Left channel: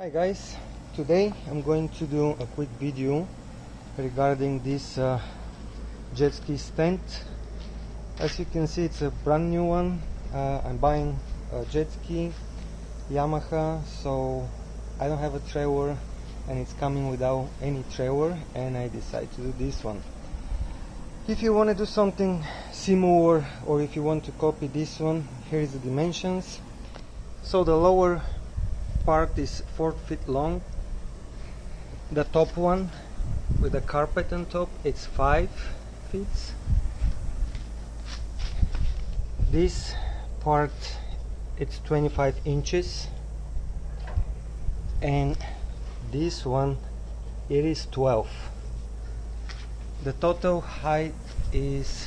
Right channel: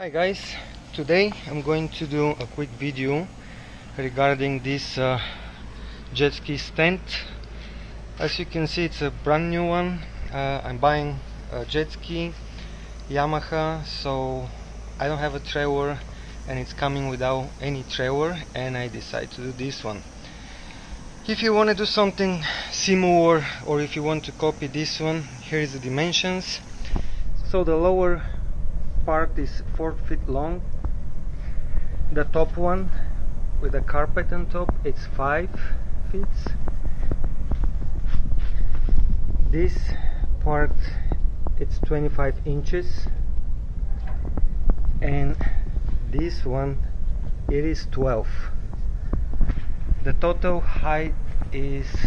Hi guys, today I'm going to do a quick video regarding this jet ski stand. As you can see, it's a brand new one. I'm buying a jet ski Yamaha, so I don't have a trailer and it's coming without any trailer, and I decided to do this one. If you want to do something similar, or if you want to copy this one, here is the dimensions. So the lower part is 4 feet long. The top one with the carpet on top, it's 5 feet. This part, it's 25 inches, and this one, it is 12. The total height is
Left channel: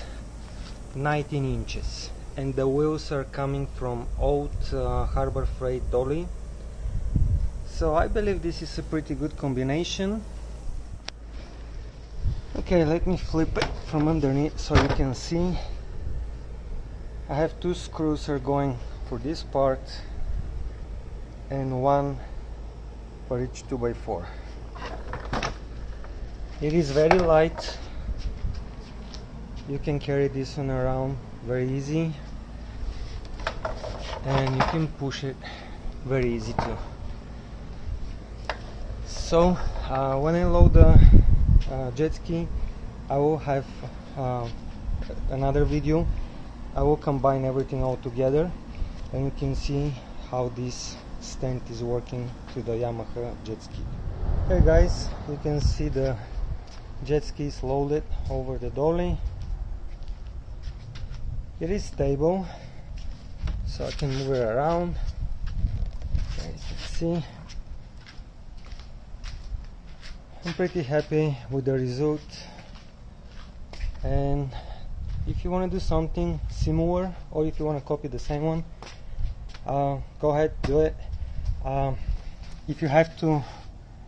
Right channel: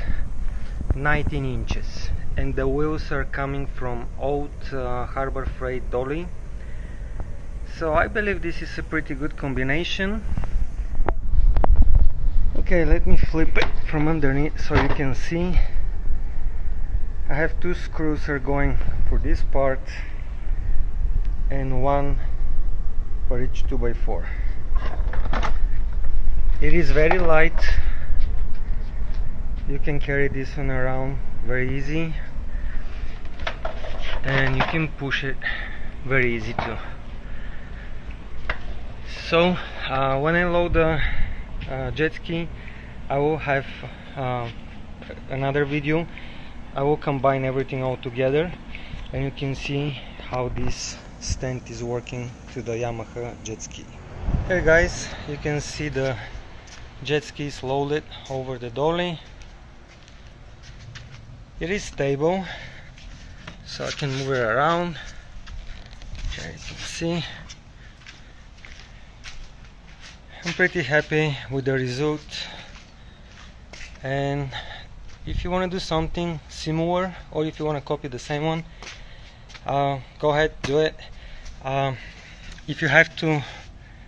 19 inches, and the wheels are coming from old Harbor Freight dolly. So I believe this is a pretty good combination. Okay, let me flip it from underneath so you can see. I have 2 screws are going for this part and 1 for each 2x4. It is very light. You can carry this one around very easy, and you can push it very easy too. So when I load the jet ski, I will have another video. I will combine everything all together, and you can see how this stand is working to the Yamaha jet ski. Here guys, you can see the jet ski is loaded over the dolly. It is stable, so I can move it around. Here you can see. I'm pretty happy with the result, and if you want to do something similar, or if you want to copy the same one, go ahead, do it. If you have to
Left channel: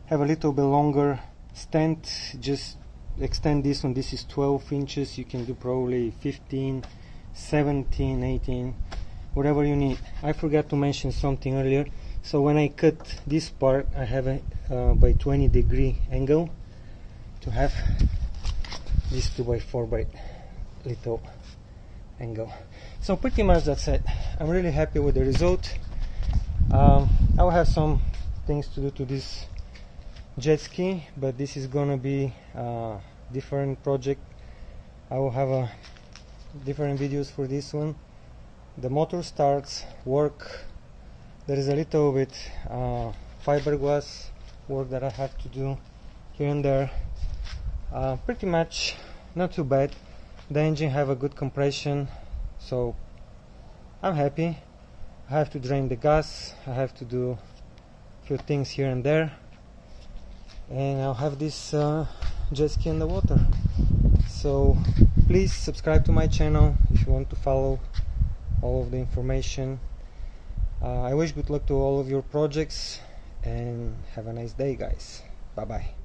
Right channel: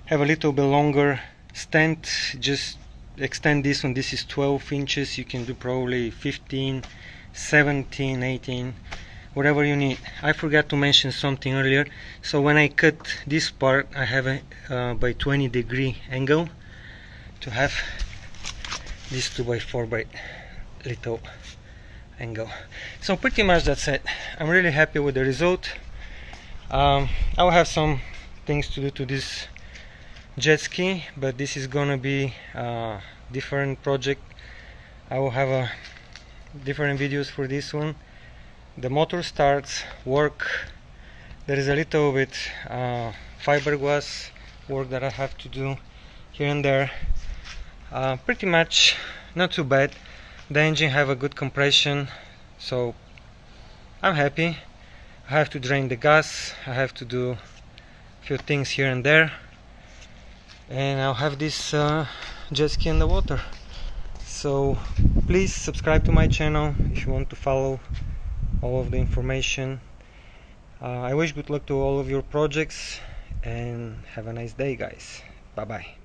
have a little bit longer stand, just extend this one. This is 12 inches. You can do probably 15, 17, 18, whatever you need. I forgot to mention something earlier. So when I cut this part, I have a by 20-degree angle to have this 2x4 by little angle. So pretty much that's it. I'm really happy with the result. I will have some things to do to this jet ski, but this is gonna be a different project. I will have different videos for this one. The motor starts, work. There is a little bit fiberglass work that I have to do here and there. Pretty much not too bad. The engine have a good compression, so I'm happy. I have to drain the gas, I have to do a few things here and there, and I'll have this jet ski in the water. So please subscribe to my channel if you want to follow all of the information. I wish good luck to all of your projects, and have a nice day guys. Bye bye.